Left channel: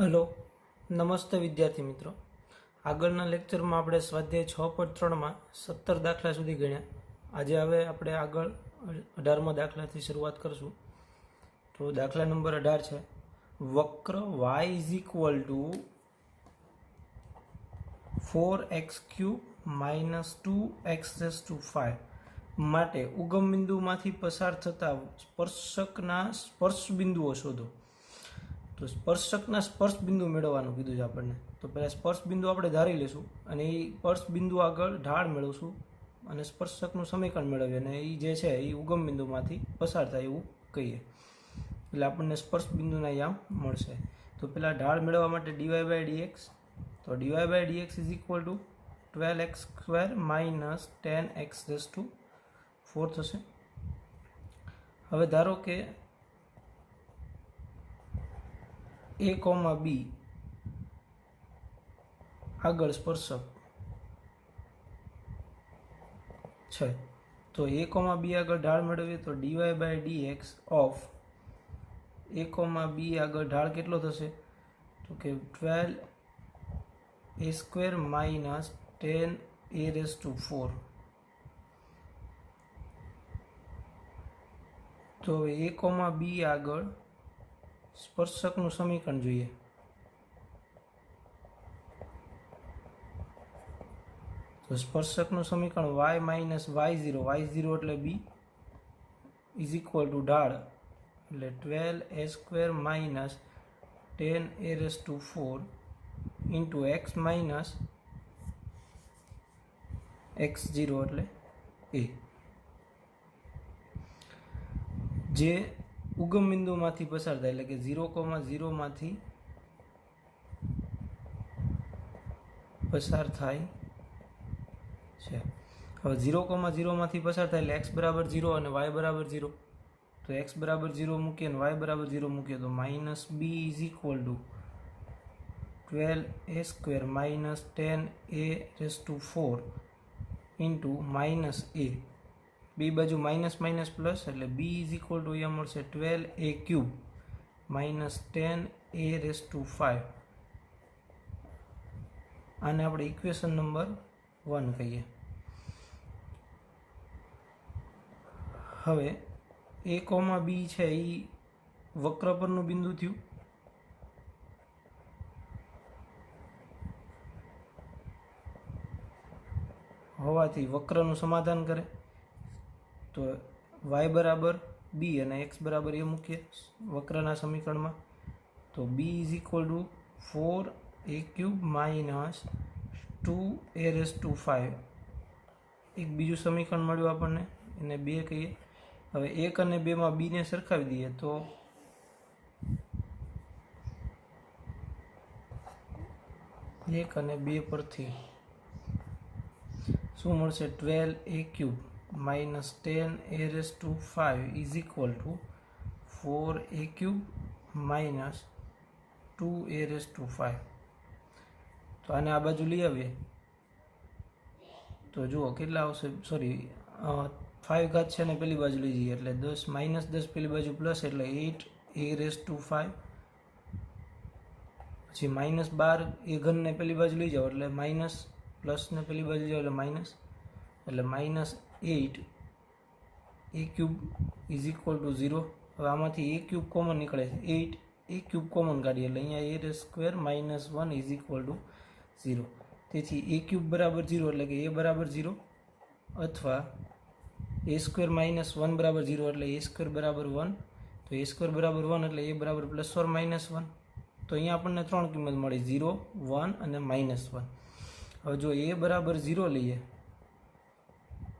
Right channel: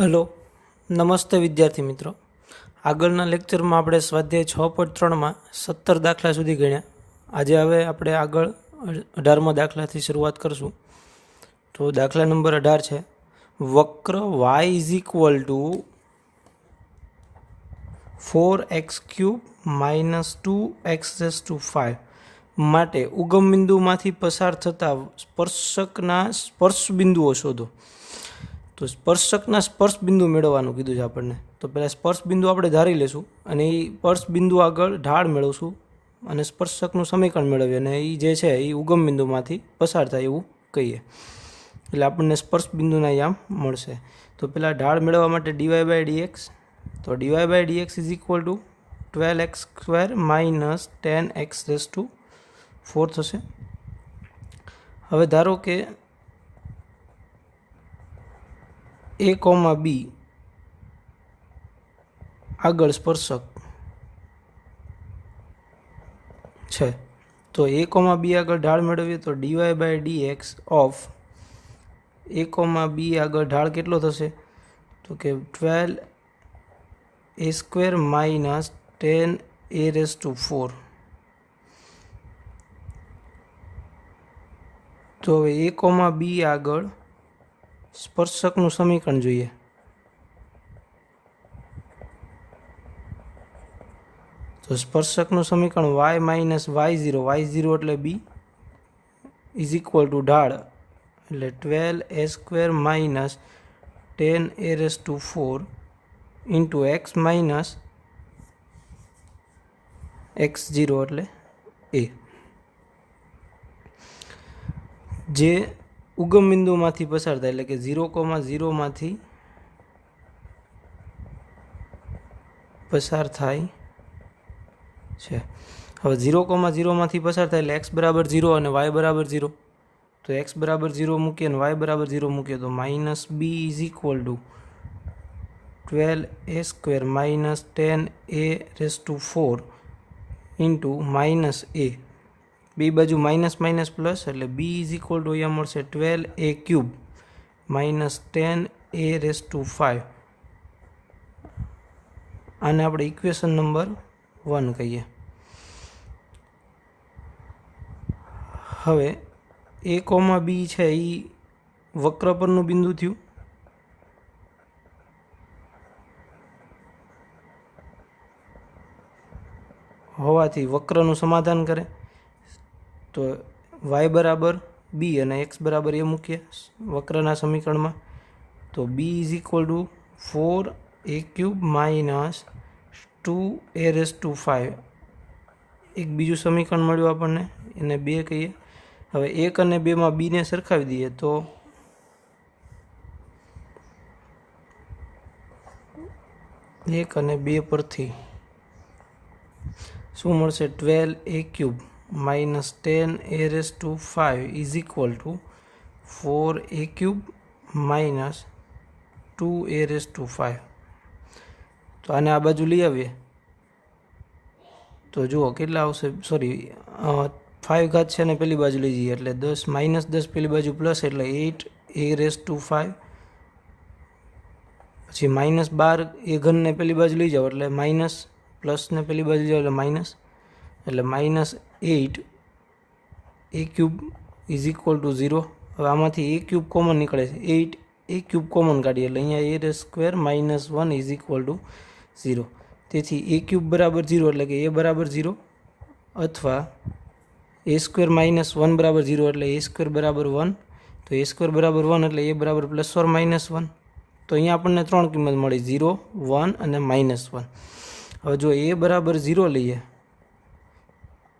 Hello, નમસ્તે વિદ્યાર્થી મિત્રો. આગળના લેક્ચરમાં આપણે સ્વાધ્યાય 6.3માં 17 દાખલા સુધી ગણ્યા. આજે હવે આપણે આગળ 18મા દાખલાથી શરૂઆત કરશું. તો દાખલા નંબર 18 છે. વક્ર y is equal to 4x³ -2x raise to 5 માટે ઉગમ બિંદુમાંથી પસાર થતા સ્પર્શકના સ્પર્શ બિંદુઓ શોધો. તો સ્પર્શકના સ્પર્શ બિંદુ મેળવવાનું કીધું છે આપણને. તો પહેલાં સ્પર્શ બિંદુ આપણે ધારી લેશું અને એ સ્પર્શ બિંદુ આગળ ઢાળ મેળવશું અને સ્પર્શકનું સમીકરણ મેળવીએ અને એ જે છે એ ઉગમ બિંદુમાંથી પસાર થાય એવું કહીએ. એટલે આપણને સ્પર્શ બિંદુના યામ મળશે. તો પહેલાં ઢાળ મેળવવા માટે dy/dx, તો dy/dx is equal to 12x² - 10x raise to 4 થશે. હવે ધારો કે a, b આગળ સ્પર્શક છે. તો a, b આગળ ઢાળ મેળવીએ તો dy/dx ઓફ a, b આગળ ઢાળ કેટલો થશે? તો કે 12a² - 10a રેઝ ટુ 4. તો હવે a, b આગળ સ્પર્શકનું સમીકરણ જોઈએ. તો સ્પર્શકનું સમીકરણ y - y0 એટલે b ઇઝ ઇક્વલ ટુ ઢાળ એટલે 12a² - 10a raise to 4 into x minus x0 એટલે a, જે ઉગમ બિંદુમાંથી પસાર થાય એટલે કે 0,0 માંથી પસાર થાય છે. હવે 0,0 માંથી પસાર થાય એટલે x બરાબર 0 અને y બરાબર 0. તો x બરાબર 0 મૂકીએ અને y બરાબર 0 મૂકીએ તો -b is equal to 12a² - 10a raise to 4 into -a. બે બાજુ માઇનસ માઇનસ પ્લસ એટલે b ઇઝ ઇક્વલ ટુ અહીંયા મળશે 12a³ - 10a રેઝ ટુ 5. આને આપણે ઇક્વેશન નંબર 1 કહીએ. હવે a, b છે એ વક્ર પરનું બિંદુ થયું. હોવાથી વક્રનું સમાધાન કરે. તો y બરાબર b અને x બરાબર a મૂકીએ વક્રના સમીકરણમાં. તો b is equal to 4a³ - 2a raise to 5. એક બીજું સમીકરણ મળ્યું આપણને, એને 2 કહીએ. હવે 1 અને 2માં બીને સરખાવી દઈએ તો 1 અને 2 પરથી શું મળશે? 12a³ - 10a raise to 5 is equal to 4a³ - 2a raise to 5. તો આને આ બાજુ લઈ આવીએ તો જુઓ કેટલા આવશે. સોરી, 5 ઘાત છે ને પેલી બાજુ લઈ જઈએ એટલે 10 -10 પેલી બાજુ પ્લસ એટલે 8a રેઝ ટુ 5. પછી -12 એ ઘનને પેલી બાજુ લઈ જાઓ એટલે માઇનસ, પ્લસને પેલી બાજુ જાઓ એટલે માઇનસ, એટલે -8a³ ઇઝ ઇક્વલ ટુ 0. હવે આમાંથી a³ કોમન નીકળે છે, 8a³ કોમન કાઢીએ એટલે અહીંયા a² - 1 ઇઝ ઇક્વલ ટુ 0. તેથી a³ બરાબર 0 એટલે કે a બરાબર 0 અથવા a² - 1 બરાબર 0 એટલે a² બરાબર 1. તો a² બરાબર 1 એટલે a બરાબર +or -1. તો અહીંયા આપણને 3 કિંમત મળી, 0, 1 અને -1. હવે જો a બરાબર 0 લઈએ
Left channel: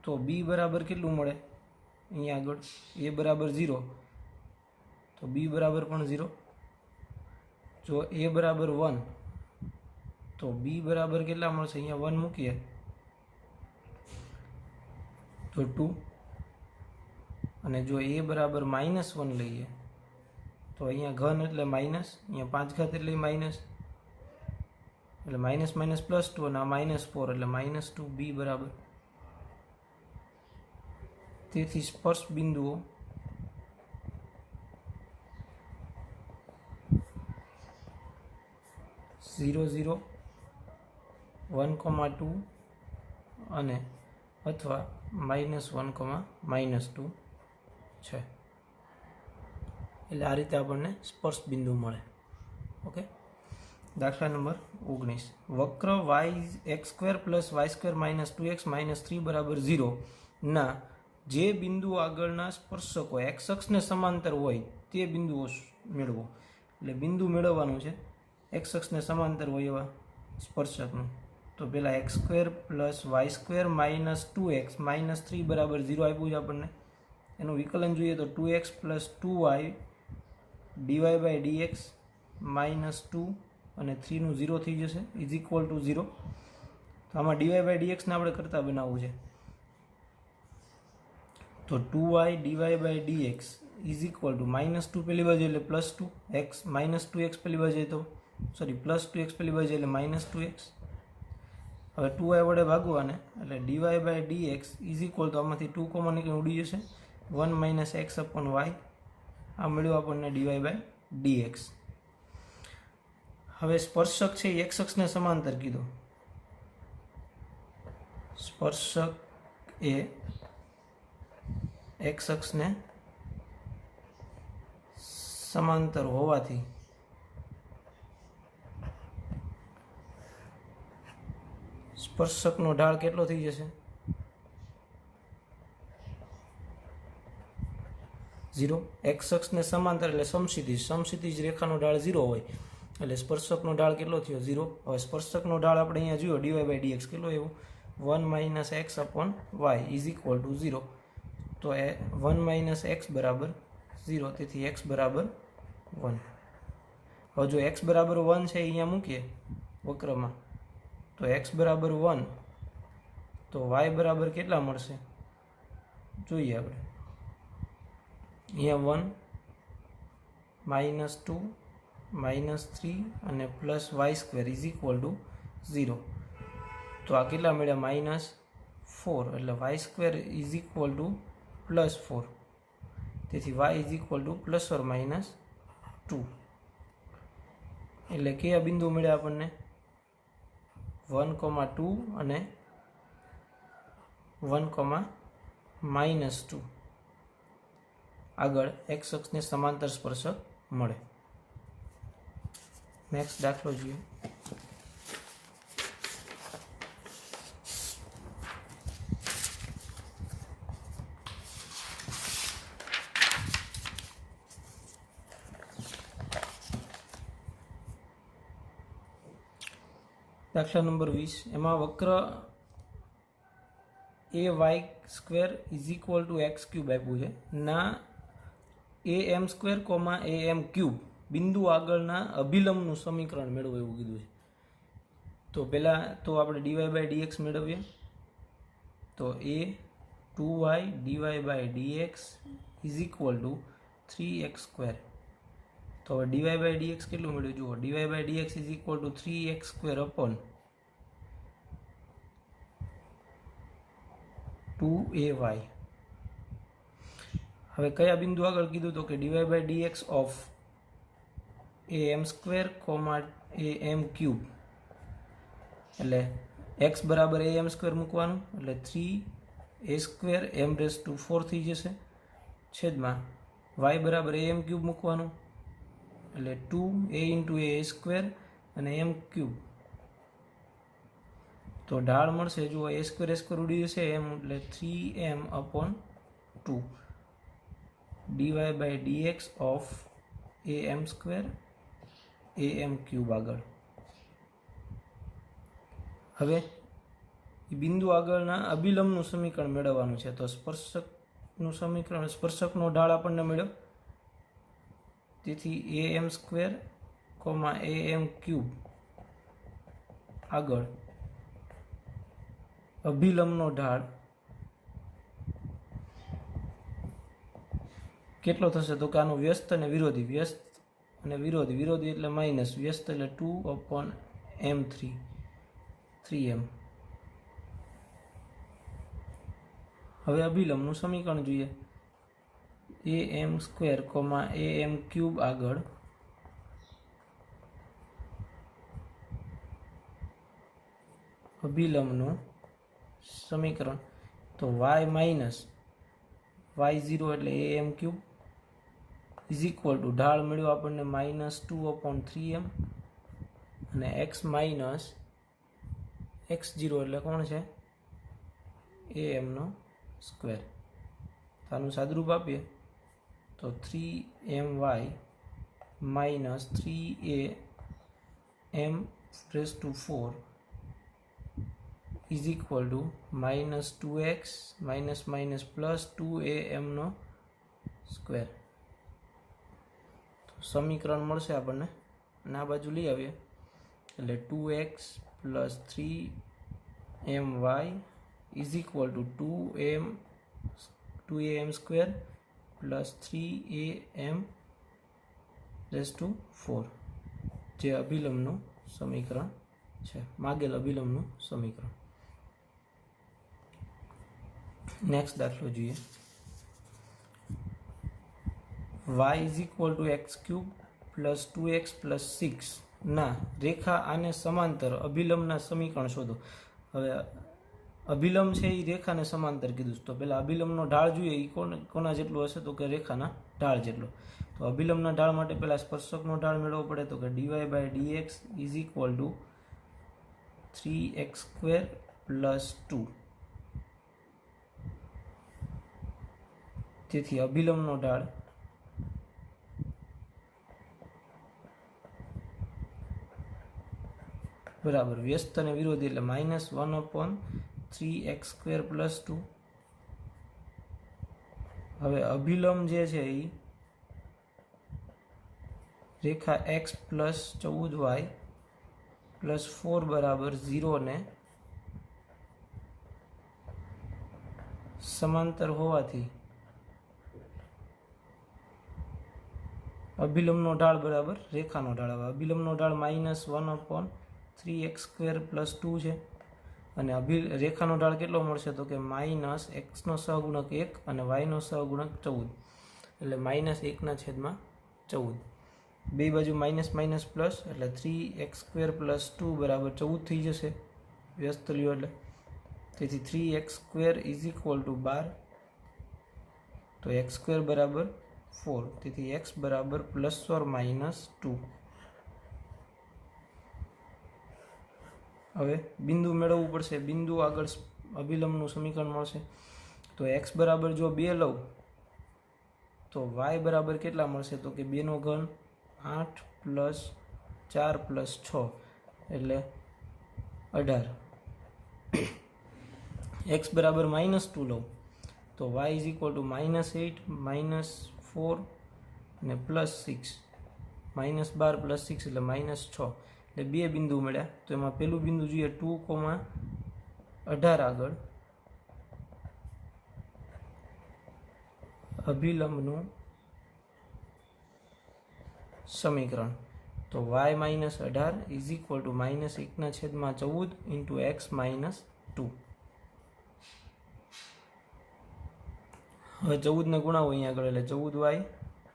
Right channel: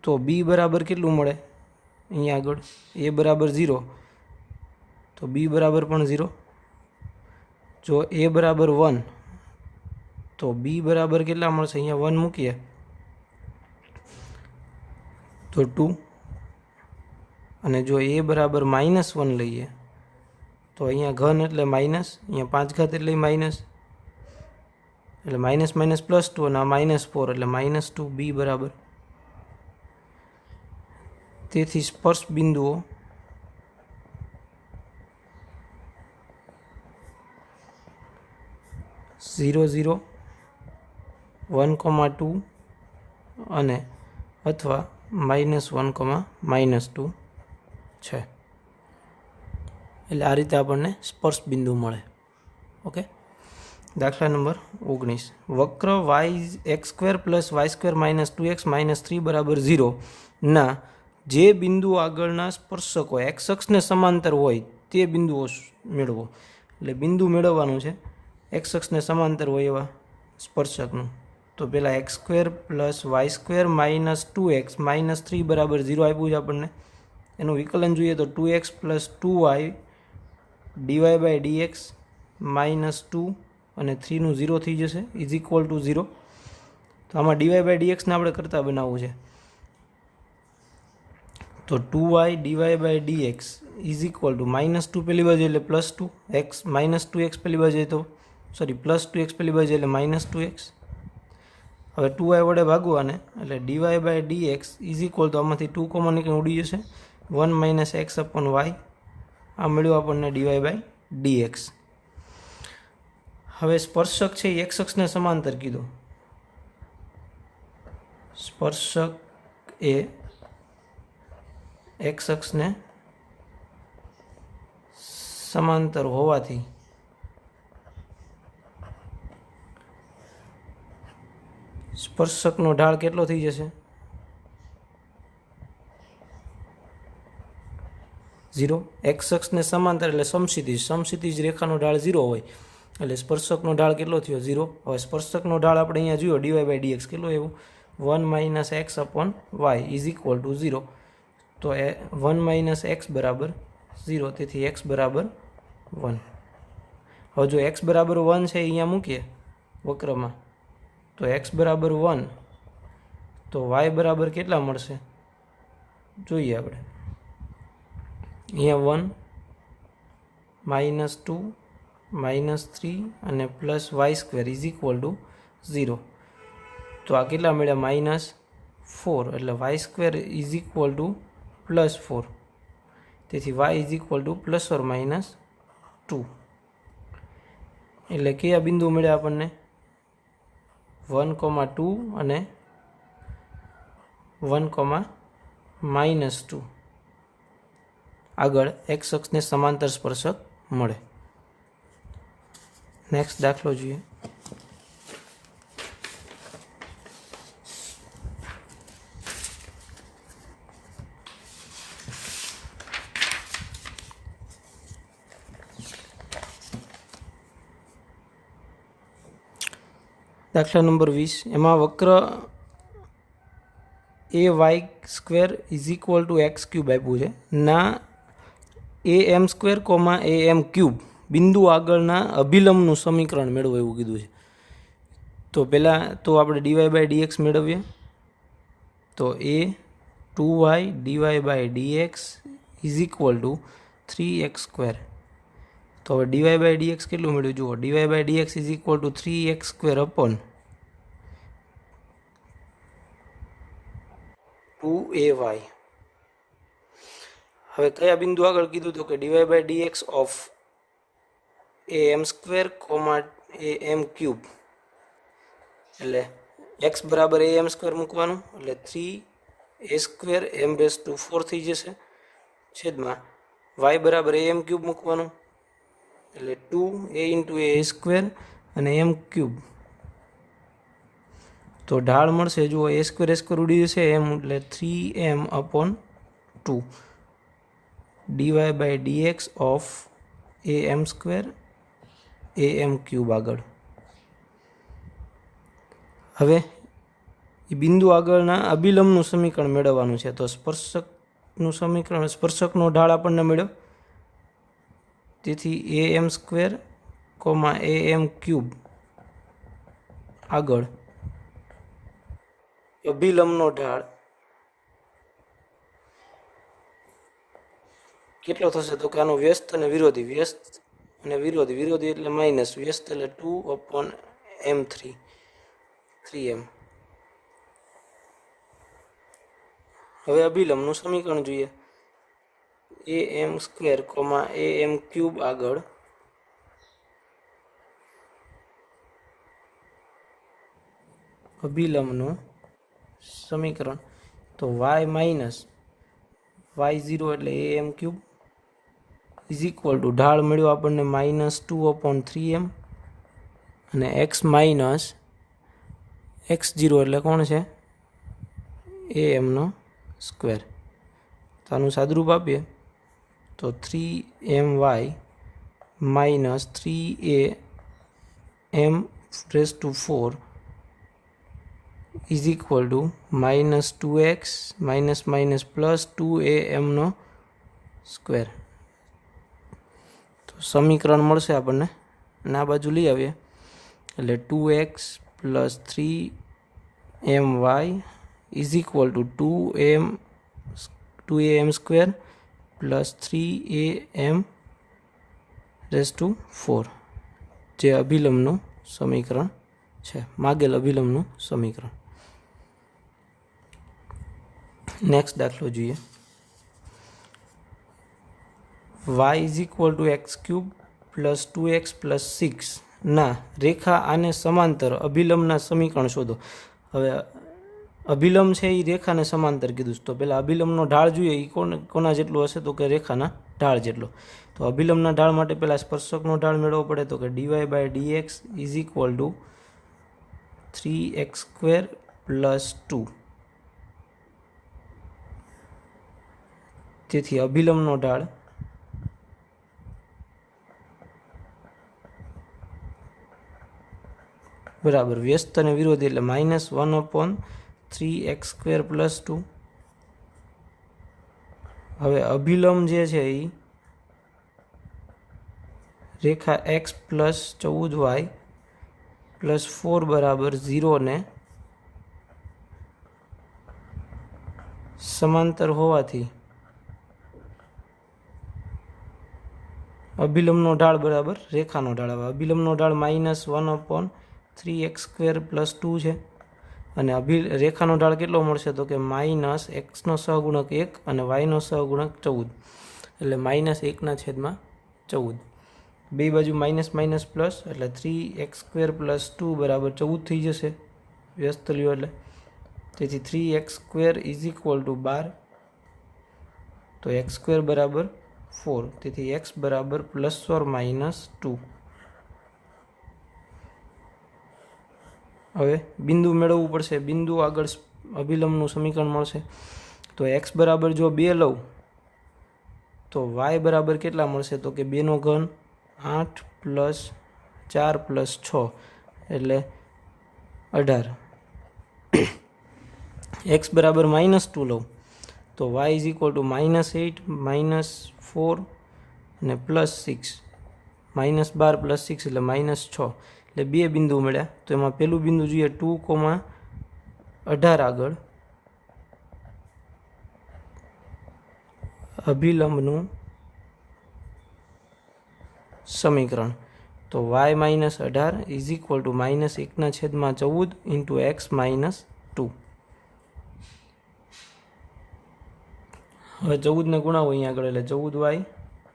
તો b બરાબર કેટલું મળે? અહીંયા આગળ a બરાબર 0 તો b બરાબર પણ 0. જો a બરાબર 1 તો b બરાબર કેટલા મળશે? અહીંયા 1 મૂકીએ તો 2. અને જો a બરાબર -1 લઈએ તો અહીંયા ઘન એટલે માઇનસ, અહીંયા 5 ઘાત એટલે માઇનસ, એટલે માઇનસ માઇનસ +2 અને આ -4 એટલે -2 b બરાબર. તેથી સ્પર્શ બિંદુઓ 0 0 1,2 અને અથવા -1, -2 છે. એટલે આ રીતે આપણને સ્પર્શ બિંદુ મળે. ઓકે. દાખલા નંબર 19. વક્ર x² + y² - 2x - 3 = 0 ના જે બિંદુ આગળના સ્પર્શકો એક્સ અક્ષને સમાંતર હોય તે બિંદુઓ મેળવો. એટલે બિંદુ મેળવવાનું છે એક્સ અક્ષને સમાંતર હોય એવા સ્પર્શકનું. તો પહેલાં x² + y² - 2x - 3 = 0 આપ્યું છે આપણને. એનું વિકલન જોઈએ તો 2x + 2y dy/dx -2 અને 3નું 0 થઈ જશે = 0. તો આમાં dy/dxને આપણે કરતા બનાવવું છે. તો 2y dy/dx -2 પહેલી બાજુ એટલે +2 x -2x પહેલી બાજુ તો +2x પહેલી બાજુ એટલે -2x. હવે 2y વડે ભાગવાને એટલે dy/dx આમાંથી 2 કોમન નીકળી ઉડી જશે 1 - x/y. આ મળ્યું આપણને dy/dx. હવે સ્પર્શક છે એ એક્સ અક્ષને સમાંતર કીધો. સ્પર્શક એ એક્સ અક્ષને સમાંતર હોવાથી સ્પર્શકનો ઢાળ કેટલો થઈ જશે? 0. એક્સ અક્ષને સમાંતર એટલે સમક્ષિતિજ રેખાનો ઢાળ 0 હોય એટલે સ્પર્શકનો ઢાળ કેટલો થયો? 0. હવે સ્પર્શકનો ઢાળ આપણે અહીંયા જોયો dy/dx કેટલો એવું 1 - x/y = 0. તો 1 - x = 0. તેથી x = 1. હવે જો x = 1 છે અહીંયા મૂકીએ વક્રમાં તો x = 1 તો y બરાબર કેટલા મળશે જોઈએ આપણે. અહીંયા 1 -2 -3 અને +y² = 0. તો આ કેટલા મળ્યા? -4 એટલે y² = +4. તેથી y ± 2. એટલે કયા બિંદુ મળ્યા આપણને? 1, 2 અને 1, -2 આગળ એક્સ અક્ષને સમાંતર સ્પર્શક મળે. નેક્સ્ટ દાખલો જોઈએ. દાખલા નંબર 20. એમાં વક્ર ay² = x³ આપ્યું છે ના am², am³ બિંદુ આગળના અભિલંબનું સમીકરણ મેળવો એવું કીધું છે. તો પહેલાં તો આપણે dy/dx મેળવીએ. તો a 2y dy/dx = 3x². તો હવે dy/dx કેટલું મળ્યું જુઓ. dy/dx = 3x² / 2ay. હવે કયા બિંદુ આગળ કીધું તો કે dy/dx of am², am³ એટલે x = am² મૂકવાનું એટલે 3a² m⁴ થઈ જશે છેદમાં y = am³ મૂકવાનું એટલે 2a × a² અને m³. તો ઢાળ મળશે જુઓ a² ઉડી જશે m એટલે 3m/2 dy/dx of am² am³ આગળ. હવે એ બિંદુ આગળના અભિલંબનું સમીકરણ મેળવવાનું છે. તો સ્પર્શકનું સમીકરણ સ્પર્શકનો ઢાળ આપણને મળ્યો. તેથી am², am³ આગળ અભિલંબનો ઢાળ કેટલો થશે તો કે આનો વ્યસ્ત અને વિરોધી. વ્યસ્ત અને વિરોધી એટલે માઇનસ. વ્યસ્ત એટલે 2/m3 3m. હવે અભિલંબનું સમીકરણ જોઈએ. am², am³ આગળ અભિલંબનું સમીકરણ. તો વાય માઇનસ y0 એટલે am cube is equal to ઢાળ મળ્યો આપણને -2/3m અને x માઇનસ x0 એટલે કોણ છે amનો સ્ક્વેર. તો આનું સાદુરૂપ આપીએ તો 3my minus 3am4 is equal to -2x minus plus 2amનો સ્ક્વેર. તો સમીકરણ મળશે આપણને અને આ બાજુ લઈ આવીએ એટલે 2x plus 3my is equal two 2am square plus 3am4 જે અભિલંબનું સમીકરણ છે, માગેલ અભિલંબનું સમીકરણ. નેક્સ્ટ દાખલો જોઈએ. y is equal two x cube plus 2x plus 6 ના રેખા આને સમાંતર અભિલંબના સમીકરણ શોધો. હવે અભિલંબ છે એ રેખાને સમાંતર કીધું છે, તો પહેલાં અભિલંબનો ઢાળ જોઈએ એ કોના જેટલો હશે તો કે રેખાના ઢાળ જેટલો. તો અભિલંબના ઢાળ માટે પહેલાં સ્પર્શકનો ઢાળ મેળવવો પડે, તો કે dy/dx is equal two 3x² plus 2. તેથી અભિલંબનો ઢાળ બરાબર વ્યસ્ત અને વિરોધી એટલે -1/3x² પ્લસ 2. હવે અભિલંબ જે છે એ રેખા x પ્લસ 14y પ્લસ 4 બરાબર 0 ને સમાંતર હોવાથી અભિલંબનો ઢાળ બરાબર રેખાનો ઢાળ. હવે અભિલંબનો ઢાળ -1/3x² પ્લસ 2 છે અને રેખાનો ઢાળ કેટલો મળશે તો કે -x નો સહગુણક 1 અને y નો સહગુણક 14 એટલે -1/14. બે બાજુ માઇનસ માઇનસ પ્લસ એટલે 3x² પ્લસ 2 બરાબર 14 થઈ જશે વ્યસ્ત લ્યો એટલે. તેથી 3x² ઇઝ ઇક્વલ ટુ 12. તો x² બરાબર 4, તેથી x બરાબર +or-2. હવે બિંદુ મેળવવું પડશે. બિંદુ આગળ અભિલંબનું સમીકરણ મળશે. તો x બરાબર જો 2 લઉં તો y બરાબર કેટલા મળશે તો કે 2 નો ઘન 8 પ્લસ 4 પ્લસ 6 એટલે 18. x બરાબર -2 લઉં તો y ઇઝ ઇક્વલ ટુ -8 -4 ને +6 -12 + 6 એટલે -6 એટલે બે બિંદુ મળ્યા. તો એમાં પહેલું બિંદુ જોઈએ 2,18 આગળ અભિલંબનું સમીકરણ. તો y - 18 is equal two -1/14 into x - 2. હવે 14 ને ગુણાવો અહીંયા આગળ એટલે 14y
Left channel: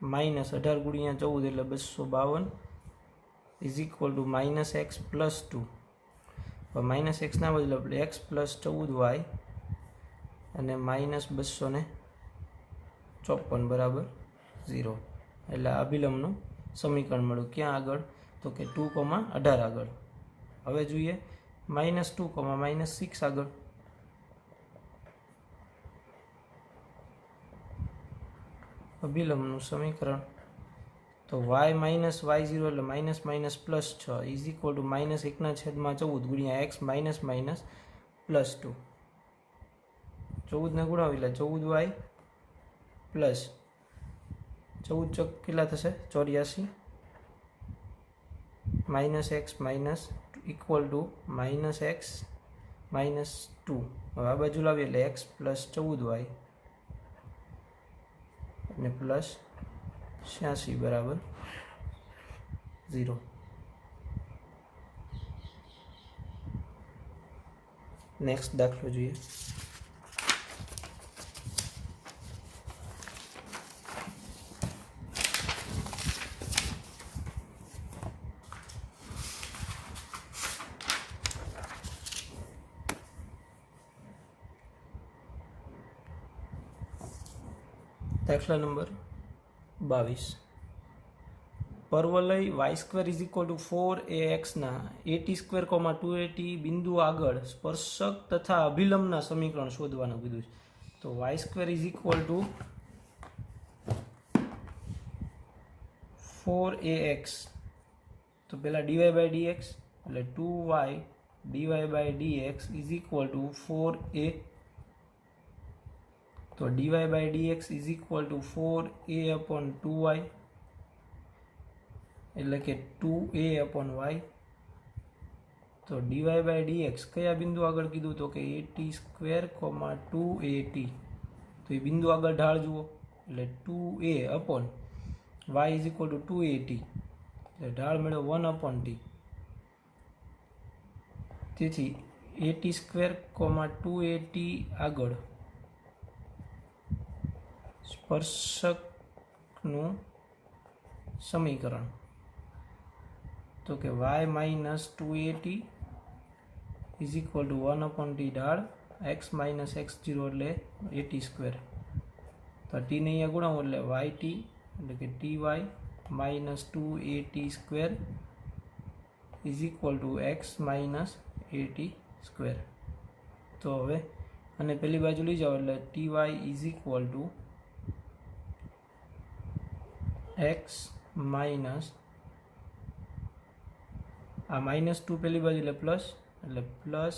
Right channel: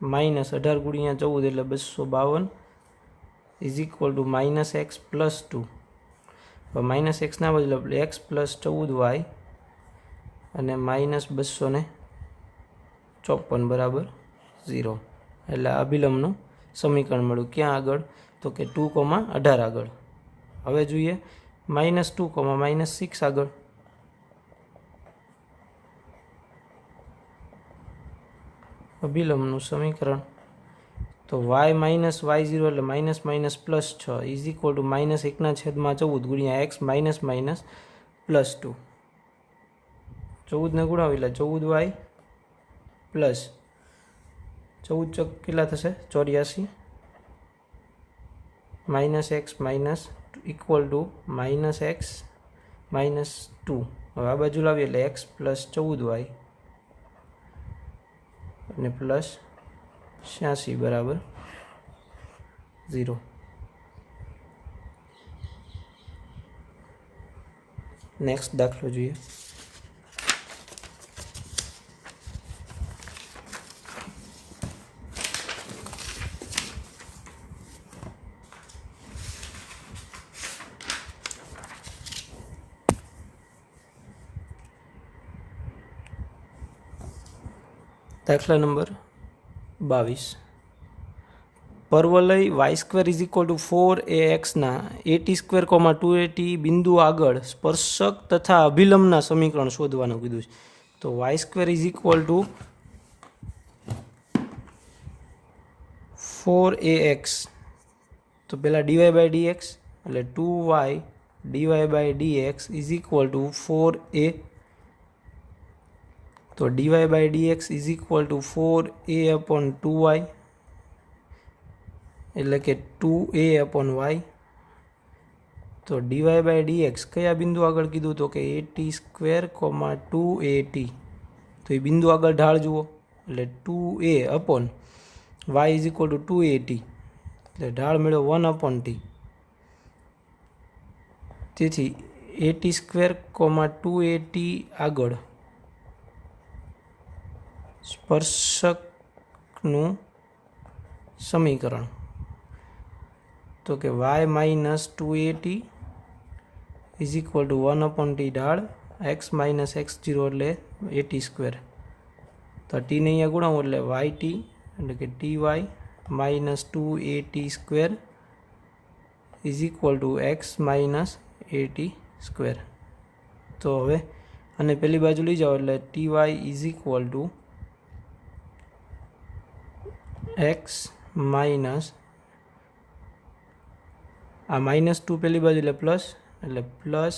-18 ગુણ્યા 14 એટલે 252 is equal two -x plus 2. હવે -x ના બદલે x પ્લસ 14y અને -254 બરાબર 0 એટલે અભિલંબનું સમીકરણ મળ્યું. ક્યાં આગળ તો કે 2,18 આગળ. હવે જોઈએ -2,-6 આગળ. અભિલંબનું સમીકરણ. તો y માઇનસ y0 એટલે minus minus plus 6 is equal two -1/14 ગુણ્યા x માઇનસ માઇનસ પ્લસ 2. 14 ને ગુણાવી એટલે 14y પ્લસ 14 ચોક કેટલા થશે 84 minus x minus equal to -x -2. હવે આ બાજુ લાવીએ એટલે x પ્લસ 14y અને પ્લસ 86 બરાબર 0. નેક્સ્ટ દાખલો જોઈએ. દાખલા number 22 પરવલય y² is equal two 4ax ના at² 2at બિંદુ આગળ સ્પર્શક તથા અભિલંબના સમીકરણ શોધવાનું કીધું છે. તો y² is equal two 4ax, તો પહેલાં dy/dx એટલે 2y dy/dx is equal two 4a, તો dy/dx is equal two 4a/2y એટલે કે 2a/y. તો dy/dx કયા બિંદુ આગળ કીધું તો કે at² 2at, તો એ બિંદુ આગળ ઢાળ જુઓ એટલે 2a/y is equal two 2at, એટલે ઢાળ મેળવો 1/t. તેથી at² 2at આગળ સ્પર્શકનું સમીકરણ તો કે y - 2at is equal two 1/t ઢાળ x - x0 એટલે at², તો ટીને અહીંયા ગુણાવો એટલે yt એટલે કે ty - 2at² is equal two x - at². તો હવે અને પેલી બાજુ લઈ જાઓ એટલે ty is equal two x minus આ -2 પેલી બાજુ એટલે પ્લસ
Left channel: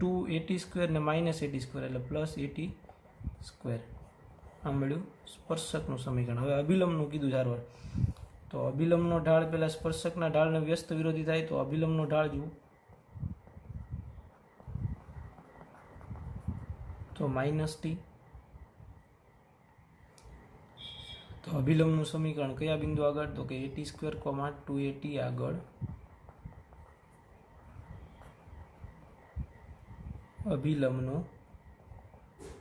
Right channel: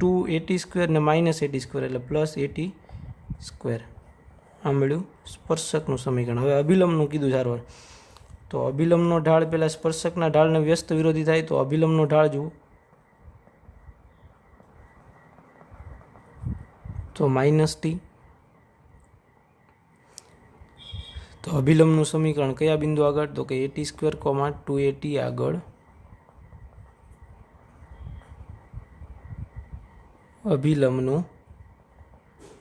2at² ને -at² એટલે +at². આ મળ્યું સ્પર્શકનું સમીકરણ. હવે અભિલંબનું કીધું સારવાર, તો અભિલંબનો ઢાળ પહેલાં સ્પર્શકના ઢાળને વ્યસ્ત વિરોધી થાય, તો અભિલંબનો ઢાળ જુઓ તો -t. તો અભિલંબનું સમીકરણ કયા બિંદુ આગળ તો કે at² 2at આગળ અભિલંબનું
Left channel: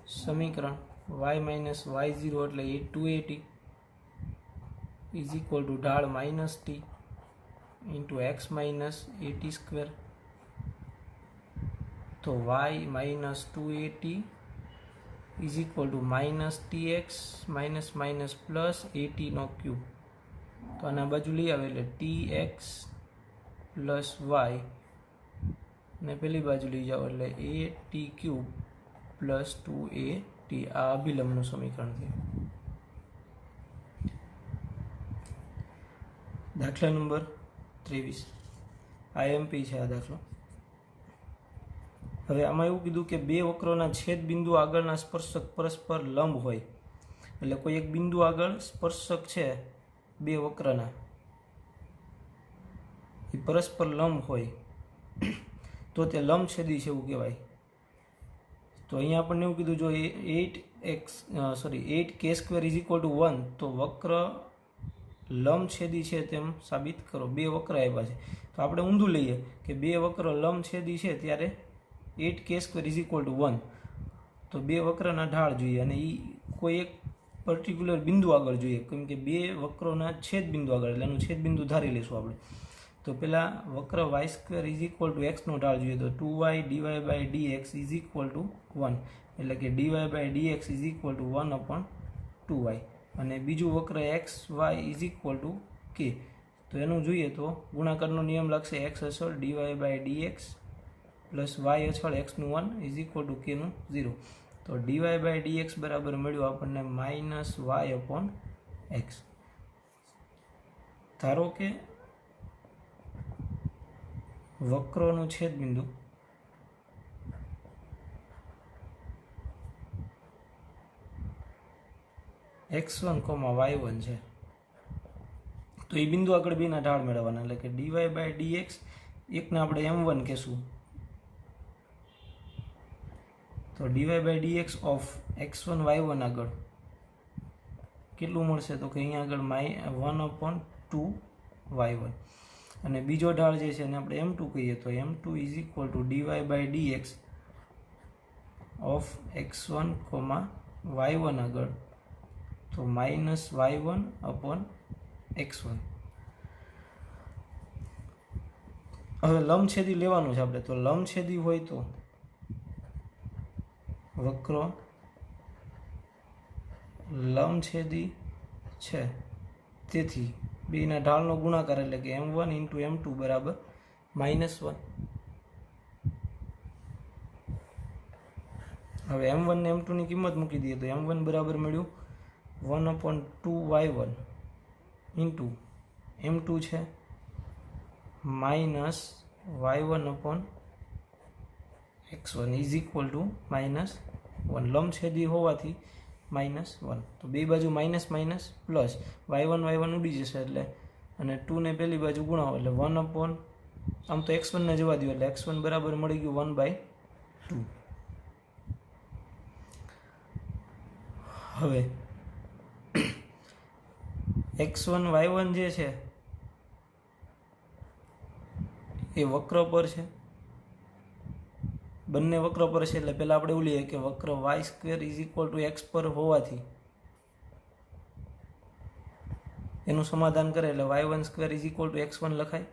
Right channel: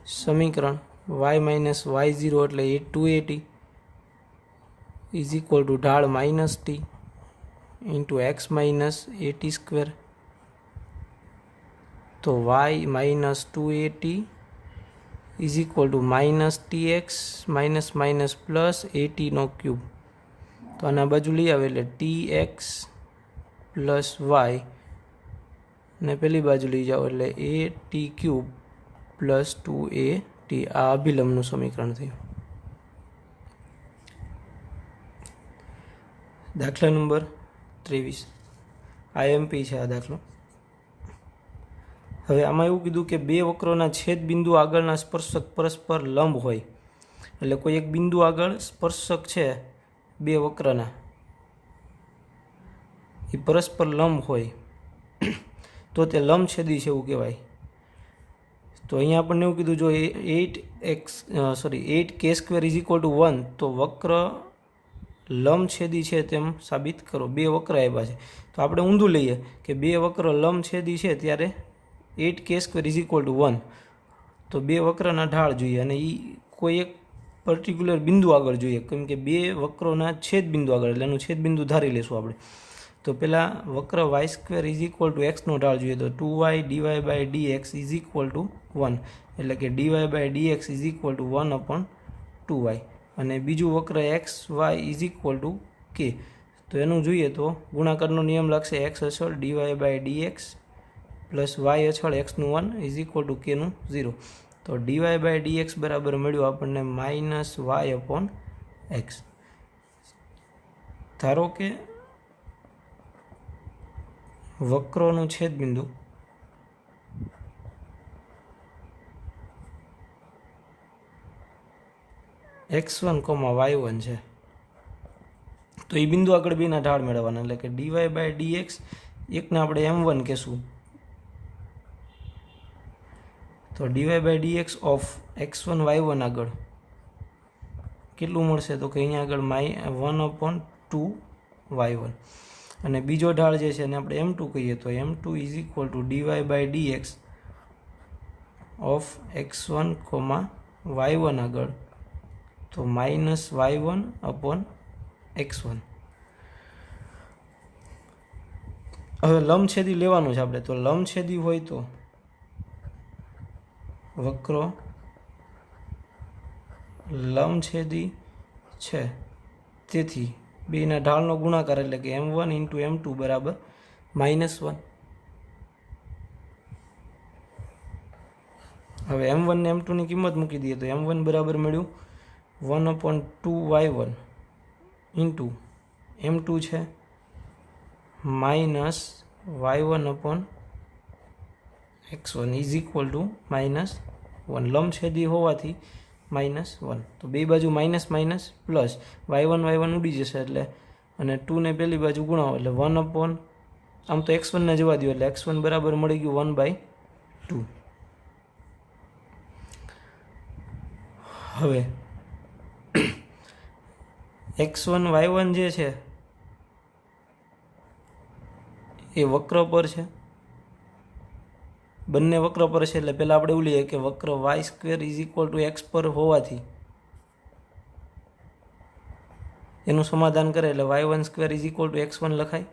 સમીકરણ y - y0 એટલે 2at ઇઝ ઇક્વલ ટુ ઢાળ -t ઇન્ટુ x - at², તો y - 2at is equal two -tx plus at3, તો આના બાજુ લઈ આવે એટલે tx પ્લસ y ને પેલી બાજુ લઈ જાઓ એટલે at³ પ્લસ 2at. આ અભિલંબનું સમીકરણ થયું. દાખલા નંબર 23 IMP છે આ દાખલો. હવે આમાં એવું કીધું કે બે વક્રોના છેદ બિંદુ આગળના સ્પર્શક પરસ્પર લંબ હોય, એટલે કોઈ એક બિંદુ આગળ સ્પર્શક છે બે વક્રના એ પરસ્પર લંબ હોય તો તે લંબછેદી છે એવું કહેવાય. તો અહીંયા આપણને એવું કીધું જો 8k² ઇઝ ઇક્વલ ટુ 1, તો વક્ર લંબછેદી છે તેમ સાબિત કરો. બે વક્ર આવ્યા છે તો આપણે ઊંધું લઈએ કે બે વક્ર લંબછેદી છે ત્યારે 8k² ઇઝ ઇક્વલ ટુ 1, તો બે વક્રના ઢાળ જોઈએ અને એ કોઈ એક પર્ટિક્યુલર બિંદુ આગળ જોઈએ, કેમ કે બે વક્રોના છેદ બિંદુ આગળ એટલે એનું છેદ બિંદુ ધારી લેશું આપણે. તો પહેલાં વક્ર y² is equal two x નો ઢાળ જોઈએ, તો 2y dy/dx is equal two 1, એટલે કે dy/dx is equal two 1/2y. અને બીજું વક્ર xy is equal two k, તો એનું જોઈએ તો ગુણાકારનો નિયમ લાગશે x અચળ dy/dx પ્લસ y અચળ x નું 1 ઇઝ ઇક્વલ ટુ k નું 0. તો dy/dx બરાબર મળ્યું આપણને -y/x. ધારો કે વક્રોનું છેદબિંદુ x1, y1 છે, તો એ બિંદુ આગળ બેના ઢાળ મેળવવાના, એટલે કે dy/dx એકને આપણે m1 કહેશું, તો dy/dx ઓફ x1 y1 આગળ કેટલું મળશે તો કે અહીંયા આગળ 1/2y1, અને બીજો ઢાળ જે છે એને આપણે m2 કહીએ, તો m2 is equal two dy/dx of x1, y1 આગળ તો -y1/x1. હવે લંબછેદી લેવાનું છે આપણે, તો લંબછેદી હોય તો વક્રો લંબછેદી છે, તેથી બેના ઢાળનો ગુણાકાર એટલે કે m1 ઇન્ટુ m2 બરાબર -1. હવે m1 ને m2ની કિંમત મૂકી દઈએ તો m1 બરાબર મળ્યું 1/2y1 ઇન્ટુ m2 છે -y1/x1 ઇઝ ઇક્વલ ટુ -1. લંબછેદી હોવાથી -1, તો બે બાજુ માઇનસ માઇનસ પ્લસ y1 ઉડી જશે એટલે, અને 2 ને પેલી બાજુ ગુણાવો એટલે 1/, આમ તો x1 ને જવા દો એટલે x1 બરાબર મળી ગયું 1/2. હવે x1 y1 જે છે એ વક્ર પર છે, બંને વક્ર પર છે એટલે પહેલાં આપણે એવું લઈએ કે વક્ર y² is equal two x પર હોવાથી એનું સમાધાન કરે એટલે y1² is equal two x1 લખાય.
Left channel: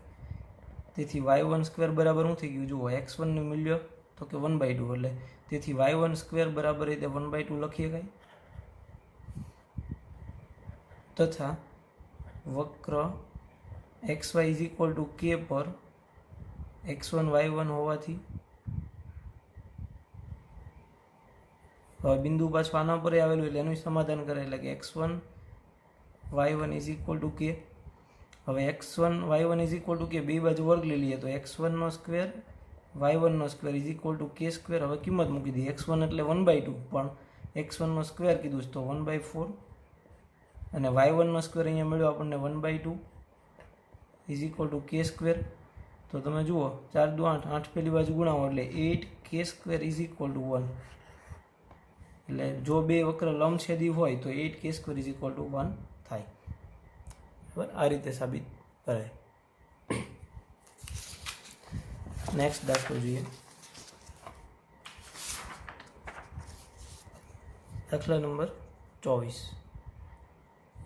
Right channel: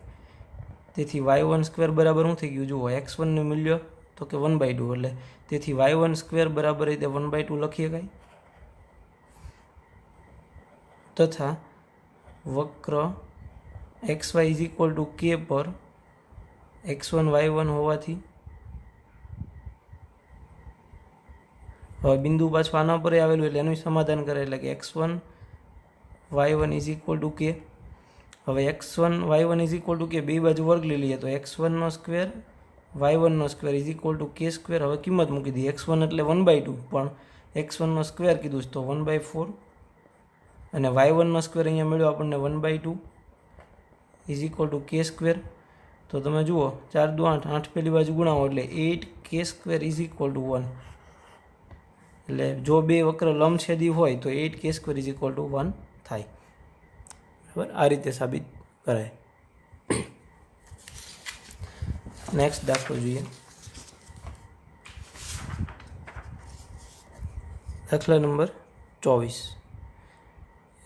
તેથી y1² બરાબર શું થઈ ગયું જુઓ, x1નું મૂલ્ય તો કે 1/2 એટલે તેથી y1² બરાબર રીતે 1/2 લખી શકાય. તથા વક્ર xy is equal two k પર x1 y1 હોવાથી હવે બિંદુ પાછું આના પર આવેલું એટલે એનું સમાધાન કરે એટલે કે x1 y1 is equal two k. હવે x1 y1 is equal two k બે બાજુ વર્ગ લઈ લઈએ તો x1 square y1 square is equal two k square. હવે કિંમત મૂકી દઈએ, x1 એટલે 1/2 પણ x1 સ્ક્વેર કીધું તો 1/4 અને y1 સ્ક્વેર અહીંયા મળ્યો આપણને 1/2 is equal two k square. તો તમે જુઓ 4 દુ 8, 8 પેલી બાજુ ગુણાવો એટલે 8k square is equal two 1. એટલે જો બે વક્ર લંબછેદી હોય તો 8k square is equal two 1 થાય. બરાબર, આ રીતે સાબિત કરાય. નેક્સ્ટ દાખલો જોઈએ. દાખલા નંબર 24.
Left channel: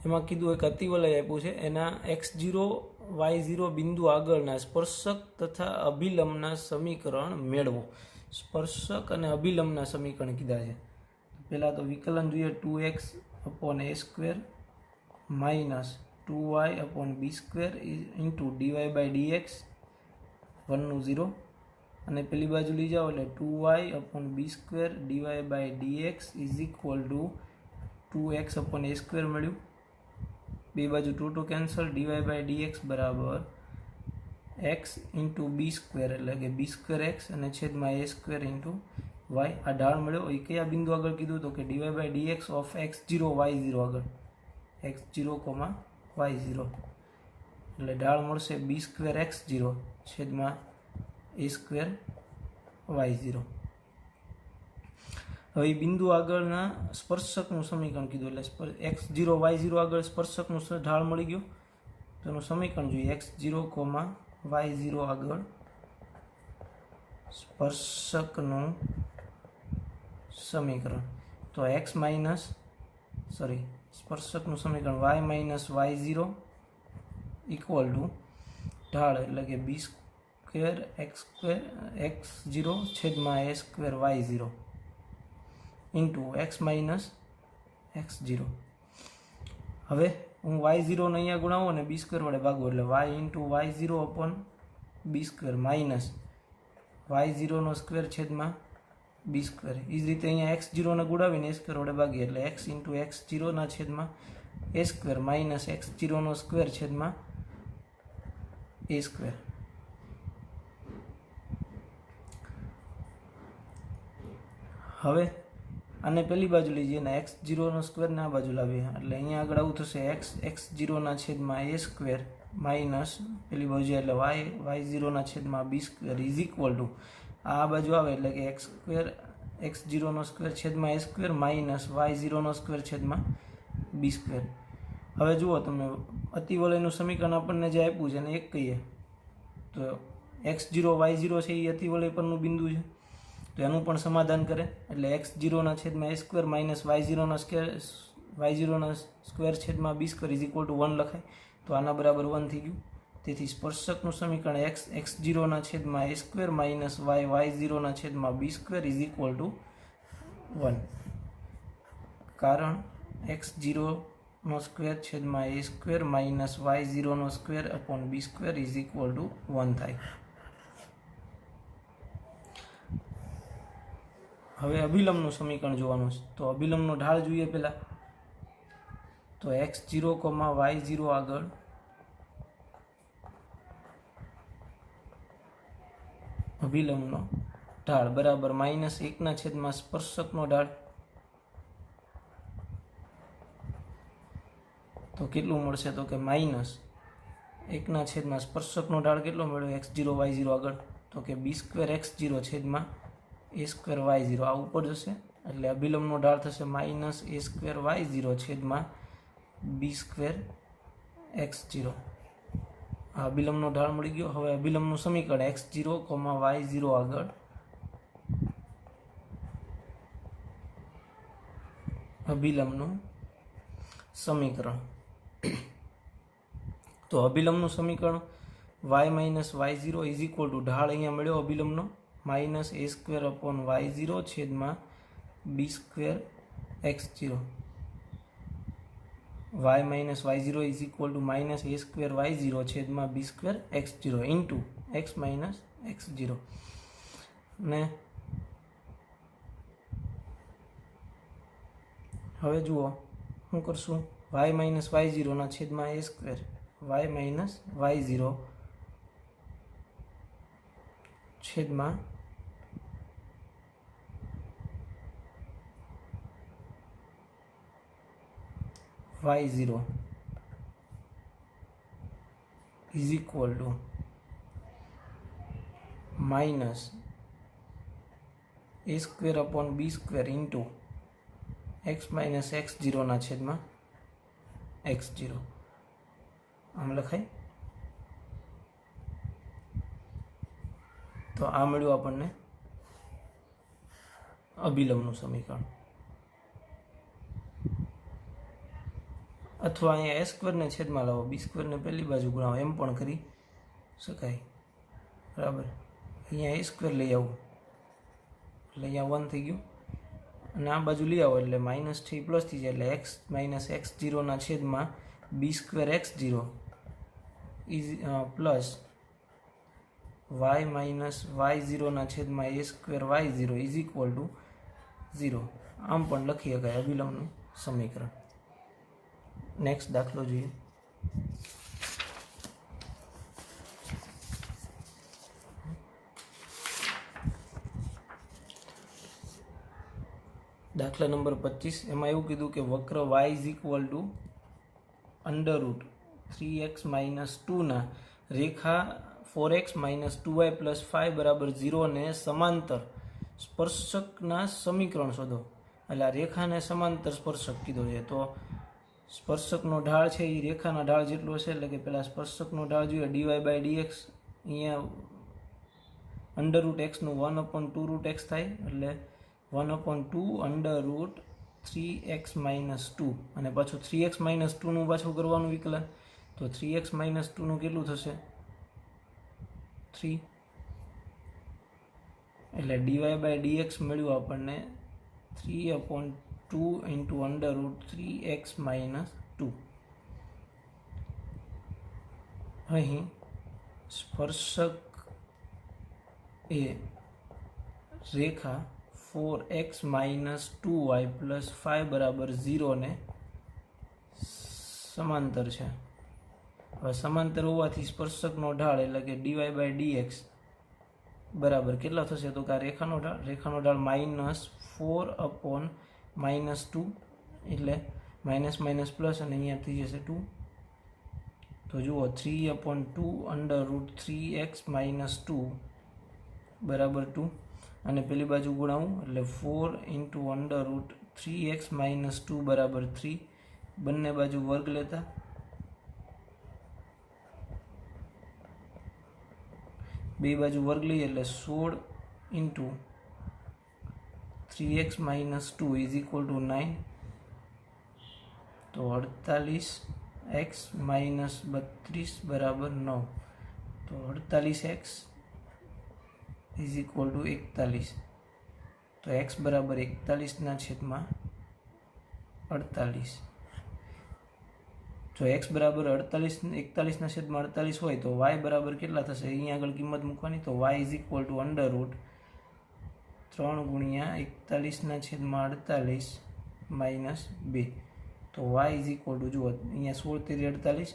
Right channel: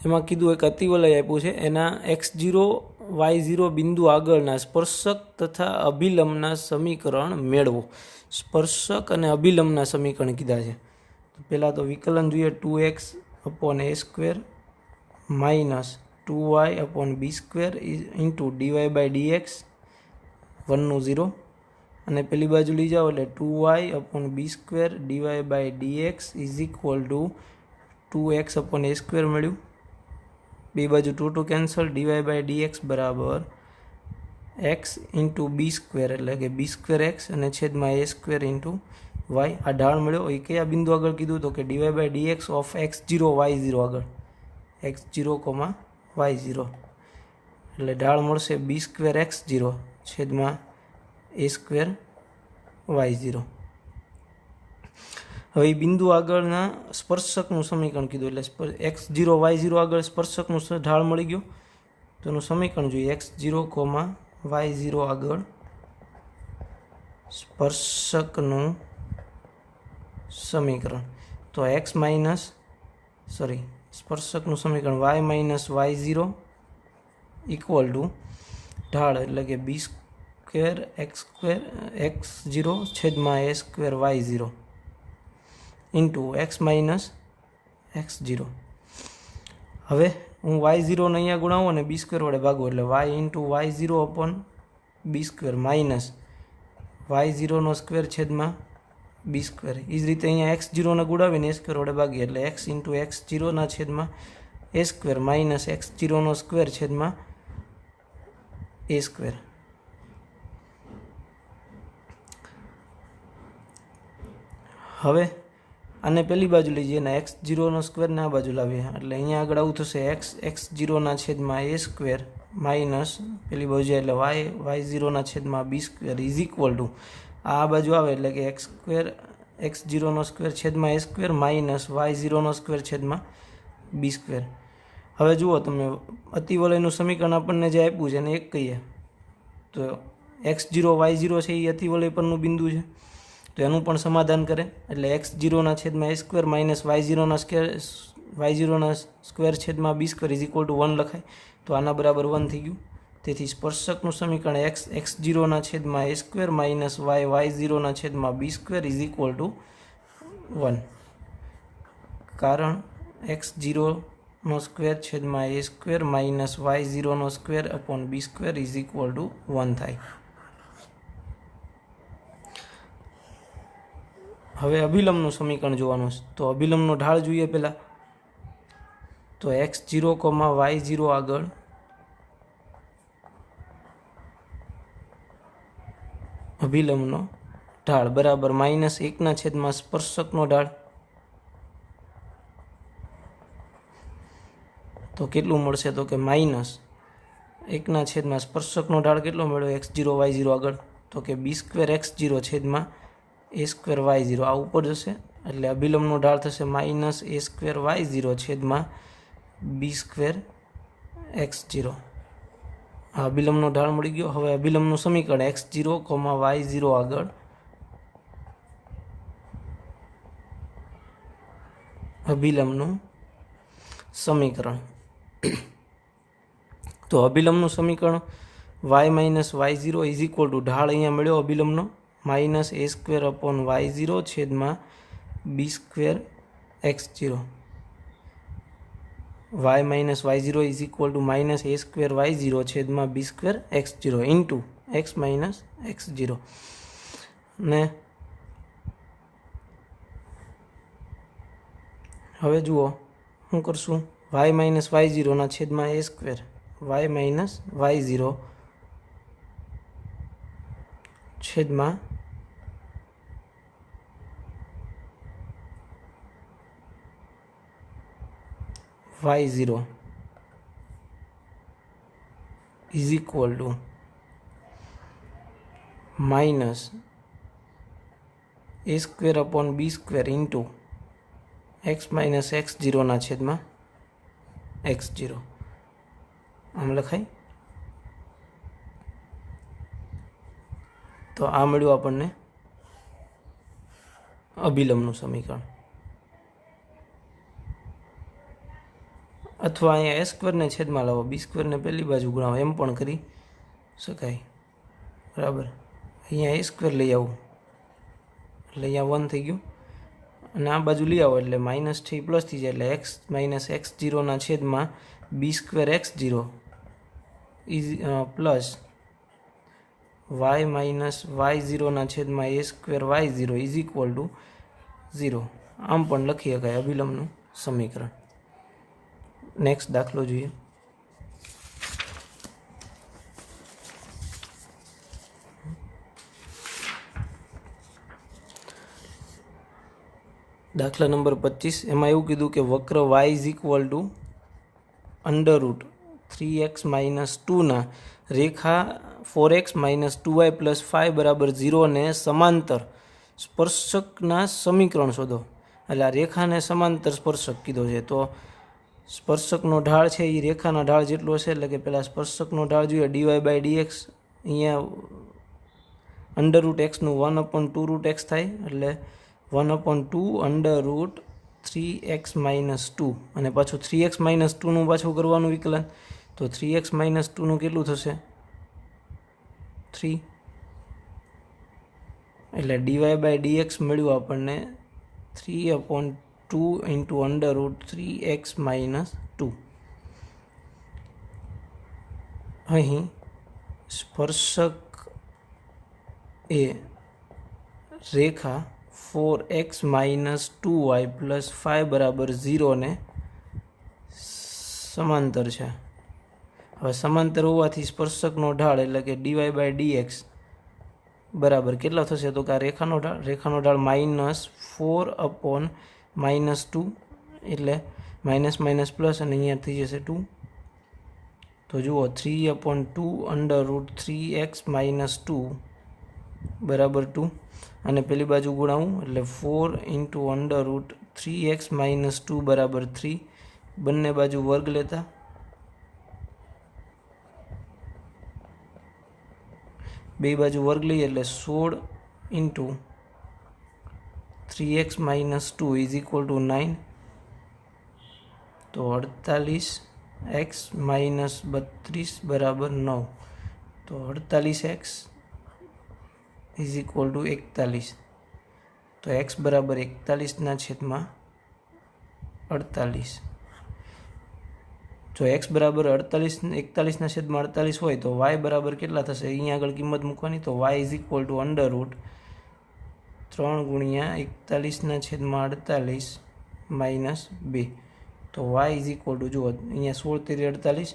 એમાં કીધું એક અતિવલય આપ્યું છે, એના x0 y0 બિંદુ આગળના સ્પર્શક તથા અભિલંબના સમીકરણ મેળવો. સ્પર્શક અને અભિલંબના સમીકરણ કીધા છે. પહેલાં તો વિકલન જોઈએ, 2x/a² minus 2y/b² into dy/dx 1 0, અને પેલી બાજુ લઈ જાઓ એટલે 2y/b² dy/dx is equal two 2x/a² મળ્યું. બે બાજુ 2 કેન્સલ, dy/dx બરાબર x ઇન્ટુ b² એટલે કે b²x અને છેદમાં a² ઇન્ટુ y. આ ઢાળ મળ્યો. એ કયા બિંદુ આગળ કીધું તો કે dy/dx ઓફ x0 y0 આગળ, x0, y0 એટલે ઢાળ મળશે b²x0 છેદમાં a²y0. હવે બિંદુ આગળના સ્પર્શકનું સમીકરણ કીધું એટલે x0 y0 આગળ સ્પર્શકનું ઢાળ મળી ગયું. તો એનું સમીકરણ જોઈએ, x0, y0 આગળ સ્પર્શકનું સમીકરણ. તો સ્પર્શકનું સમીકરણ y-y0 ઇક્વલ ટુ ઢાળ એટલે કે b²x0 છેદમાં a²y0 ઇન્ટુ x x0. હવે હું y0 ને અહીંયા ગુણાવું અને b² વડે ભાગું એટલે y into y0 upon b² minus y0 square છેદમાં b². એ જ રીતે અહીંયા x0 ને ગુણાવીને a² વડે ભાગીએ એટલે x ઇન્ટુ x0 છેદમાં a² માઇનસ x0 સ્ક્વેર છેદમાં a². હવે આને પેલી બાજુ લઈ જઈએ ને x0 સ્ક્વેર ને આ બાજુ લાવીએ એટલે અહીંયા આગળ આવું થશે x0 છેદમાં a² માઇનસ પેલી બાજુ જાય એટલે y0 છેદમાં b² ઇઝ ઇક્વલ ટુ આ બાજુ આવે એટલે કે x0 સ્ક્વેર છેદમાં a² માઇનસ y0 સ્ક્વેર છેદમાં b². હવે જુઓ તમે અતિવલયનું સમીકરણ આપણને જે આપ્યું છે એને એક કહીએ તો x0 y0 છે એ અતિવલય પરનું બિંદુ છે, તો એનું પણ સમાધાન કરે એટલે x0 છેદમાં a² માઇનસ y0 સ્ક્વેર છેદમાં b² ઇઝ ઇક્વલ ટુ 1 લખાય. તો આના બરાબર 1 થઈ ગયું. તેથી સ્પર્શકનું સમીકરણ x0 છેદમાં a² માઇનસ y0 છેદમાં b² ઇઝ ઇક્વલ ટુ 1. કારણ x0 छेदमां a² minus y0² upon b² is equal to 1 थाय। हवे अभिलंबનું समीकरण જોવાનું છે તો અભિલંબનો ઢાળ જોઈએ પહેલા। તો x0, y0 આગળ અભિલંબનો ઢાળ બરાબર -1/, સ્પર્શકનો ઢાળ તો કેટલું મળશે તો કે -1/, સ્પર્શકનો ઢાળ કેટલો મળ્યો x0 y0 આગળ તો કે b² x0 છેદમાં a² y0 આ ઉપર જશે એટલે અભિલંબનો ઢાળ થશે -a² y0 છેદમાં b² x0। આ અભિલંબનો ઢાળ મળી ગયો। હવે અભિલંબનું સમીકરણ x0, y0 આગળ અભિલંબનું સમીકરણ તો અભિલંબનું સમીકરણ y-y0 ઇઝ ઇક્વલ ટુ ઢાળ અહીંયા મળ્યો અભિલંબનો -a² अपॉन y0 छेदમાં b² x0। y-y0 is equal to -a² y0 छेदમાં b² x0 into x - x0 ने हवे जुओ શું કરશું y-y0 ના છેદમાં a² y-y0 છેદમાં y0 is equal to -a² upon b² into x - x0 ना छेदમાં x0 आम लखाय। तो आ मळ्युं आपणने अभिलंबનું समीकरण। अथवा अहीं a² ने छेदमां लावो b² ने पहली बाजू गुणावो एम पण करी शकाय बराबर। अहींया a² लई आवो એટલે અહીંયા 1 થઈ ગયું અને આ બાજુ લઈ આવો એટલે માઇનસ થી પ્લસ થઈ જાય એટલે x - x0 ના છેદમાં b² x0 is plus y - y0 ના છેદમાં a² y0 is equal two 0 આમ પણ લખી શકાય અભિલંબનું સમીકરણ। नेक्स्ट दाखलो જોઈએ। दाखला नंबर 25 એમાં એવું કીધું કે વક્ર y is equal two √3x - 2 ના રેખા 4x - 2y + 5 બરાબર 0 ને સમાંતર સ્પર્શકના સમીકરણ શોધો। એટલે આ રેખાને સમાંતર સ્પર્શક કીધો છે તો સ્પર્શકનો ઢાળ છે એ રેખાના ઢાળ જેટલો હશે એટલે કે પહેલાં સ્પર્શકનો ઢાળ જોઈએ dy/dx અહીંયા √x નું 1/2√x થાય એટલે 1/2 √3x - 2 અને પાછું 3x - 2 નું પાછું કરવાનું વિકલન તો 3x - 2 નું કેટલું થશે 3 એટલે dy/dx મળ્યું આપણને 3/2 × √3x - 2। અહીં સ્પર્શક એ રેખા 4x - 2y + 5 બરાબર 0 ને સમાંતર છે। હવે સમાંતર હોવાથી સ્પર્શકનો ઢાળ એટલે કે dy/dx બરાબર કેટલો થશે તો કે આ રેખાનો ઢાળ -4/-2 એટલે માઇનસ પ્લસ અને અહીંયા થઈ જશે 2 તો જુઓ 3/2 √3x - 2 બરાબર 2 અને પેલી બાજુ ગુણાવું એટલે 4 × √3x - 2 બરાબર 3 બંને બાજુ વર્ગ લેતા બે બાજુ વર્ગ લઈએ એટલે 16 × 3x - 2 ઇઝ ઇક્વલ ટુ 9 તો 48x - 32 બરાબર 9 તો 48x ઇઝ ઇક્વલ ટુ 41 તો x બરાબર 41 ના છેદમાં 48. જો એક્સ બરાબર 41/48 હોય તો વાય બરાબર કેટલા થશે? અહીંયા આગળ કિંમત મૂકવાની. તો y is equal to √3 × 41/48 minus 2. તો વાય ઇઝ ઇક્વલ ટુ, જુઓ અહીંયા 16 × 48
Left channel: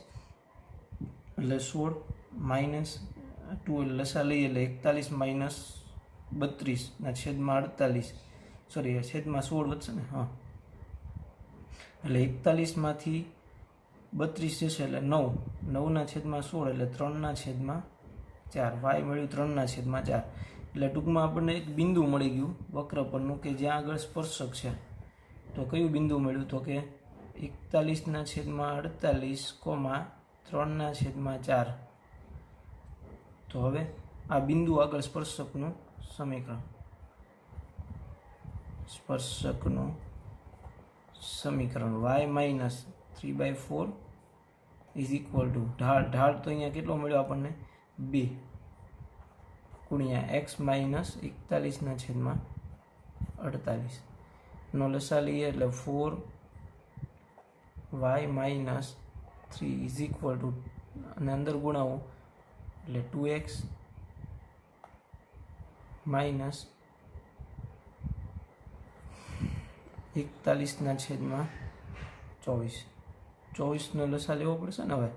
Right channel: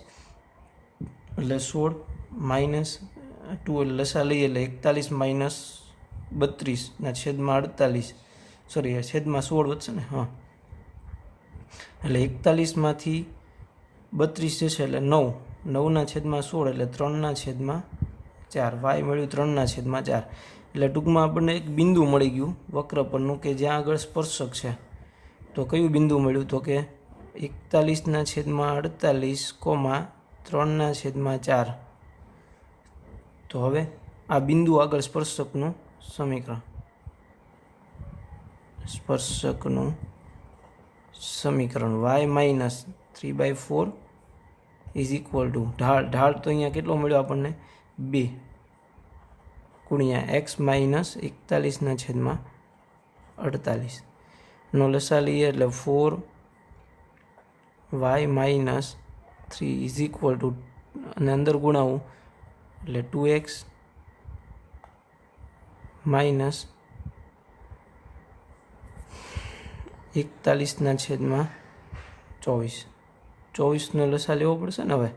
એટલે 16 માઇનસ 2 એટલે લસા લઈએ એટલે 41 - 32/48, સોરી છેદમાં 16 વધશે ને, હા, એટલે 41માંથી 32 જશે એટલે 9/16 એટલે 3/4. વાય મળ્યું 3/4. એટલે ટૂંકમાં આપણને એક બિંદુ મળી ગયું વક્ર પરનું કે જ્યાં આગળ સ્પર્શક છે. તો કયું બિંદુ મળ્યું? તો કે 41/48, 3/4. તો હવે આ બિંદુ આગળ સ્પર્શકનું સમીકરણ y minus 3/4 is equal to ઢાળ તો અહીંયા કેટલો મળ્યો આપણને? 2 × x માઇનસ 41/48 નો લસા લઈએ એટલે 4y minus 3 is equal two, અને અંદર ગુણાવું એટલે 2x માઇનસ 41/24. 24નો લસા લેવો પડશે ને હવે,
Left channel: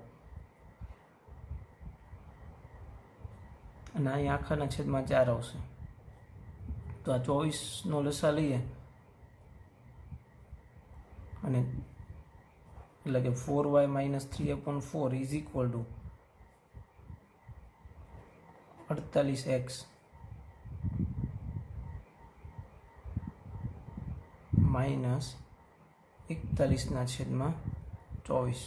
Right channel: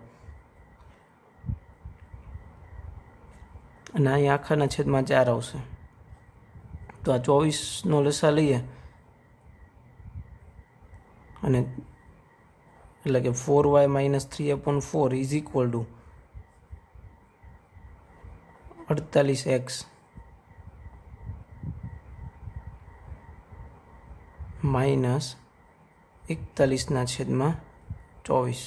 અને અહીં આખાના છેદમાં 4 આવશે. તો આ 24નો લસા લઈએ અને એટલે કે 4y minus 3/4 is equal two 48x minus 41/24.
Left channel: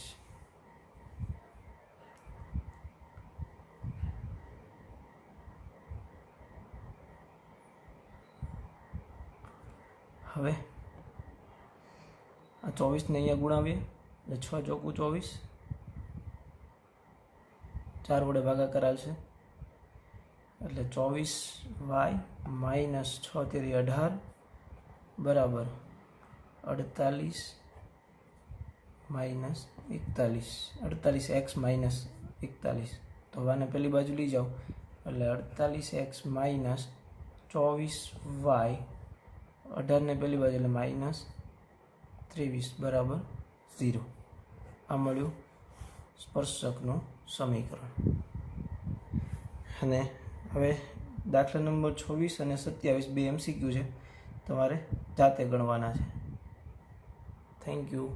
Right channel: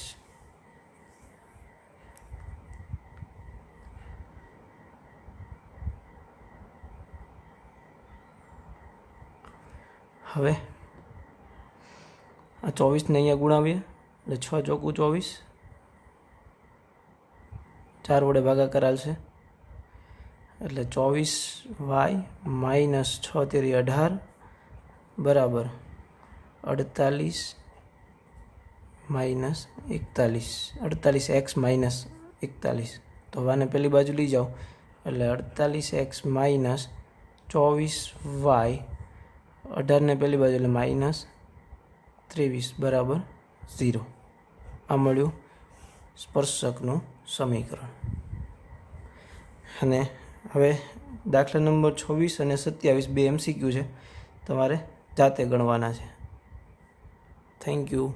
હવે આ 24ને અહીંયા ગુણાવીએ એટલે 6 × 24, 4 વડે ભાગાકાર આવશે એટલે 24y માઇનસ 6 × 18 બરાબર 48 માઇનસ 41, 48x માઇનસ 41. તો આને પેલી બાજુ લઈ જાઓ એટલે 48x માઇનસ 24y, 18ને પેલી બાજુ એટલે માઇનસ 23 બરાબર 0. આ મળ્યું સ્પર્શકનું સમીકરણ. અને હવે દાખલા નંબર 26 અને 27 બે MCQ છે, તમારે જાતે ગણવાના છે. Thank you.